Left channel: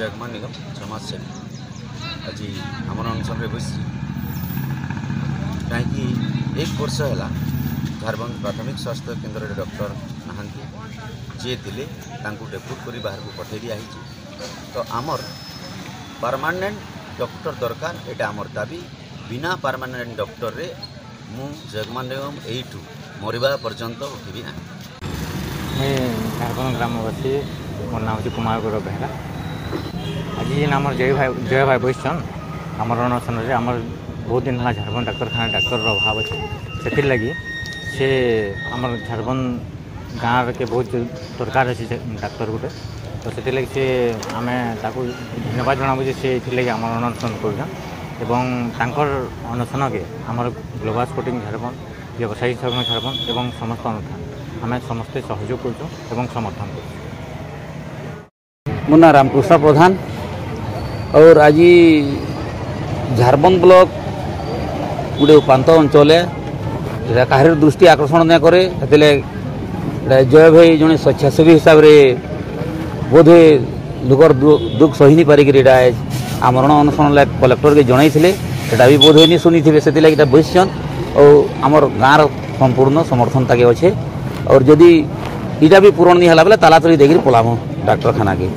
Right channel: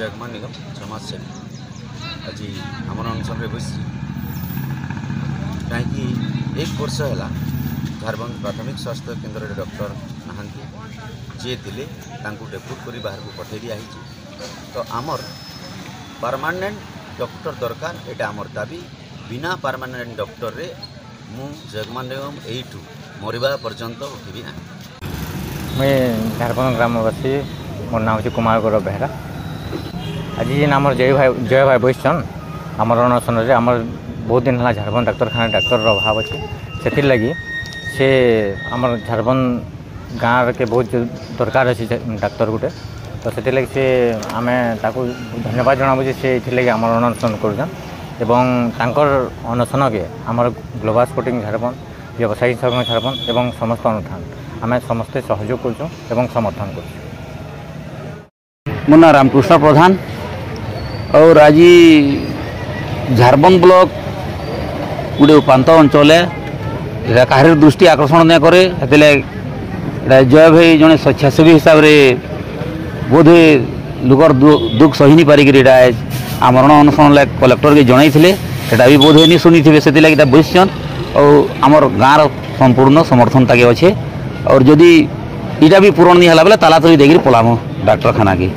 जगमान निगम समाज सेवी आज आम अनशन बस कहीं 1 वर्ष है झारबंद प्राथमिक स्वास्थ्य केन्द्र डॉक्टर नहांती जे थिले डेपुट कर बाहर को पठे दिया तो आमर परमानेंट डॉक्टर दरकार एटा आमर दाबी बिना परमानेंट डॉक्टर रे मु जगमान निगम यू मरवा पर्यंत उठबी ना। मैं झारखंड ग्रामवासी मोर नाम हूँ कुमार गौरव बेहरा। आज आम जय भाई बसन आमर अनशन आमर बहुत दिन है झारखंड डाक्तखाना डाक्तर अभाव अच्छे से लगी से आमर झारखंड गाँव के बहुत दरकार अच्छे डाक्तर गोटे तो से लगी से आम धन्यवाद जनाबू से ये आम अनशन कर अनशन के आमर ग्लोबल स्पोर्टिंग झारखंड व्यवसायी संघ झारखंड एवं समस्त अनुष्ठान आम समस्ते सहयोग कर समर्थन कर। मो ना रामकृष्ण प्रधान और आज झारबंद ब्लॉक गोटे उपात अंचल है कहार दृष्टि आकर्षण नहीं करे जय भाई जड़े स्वेच्छासेवी हिसाब से बोधे लोकर दुख सही नहीं पारिक आमरण अनशन कलेक्टर के जनई भी बोधे नहीं शुनी थे से बसन और आमर गाँव संपूर्ण समर्थन ताके अच्छे और जदि इटा भी पूरण नहीं है बेले ताला तली देकर पलाम डाक्तखाना के।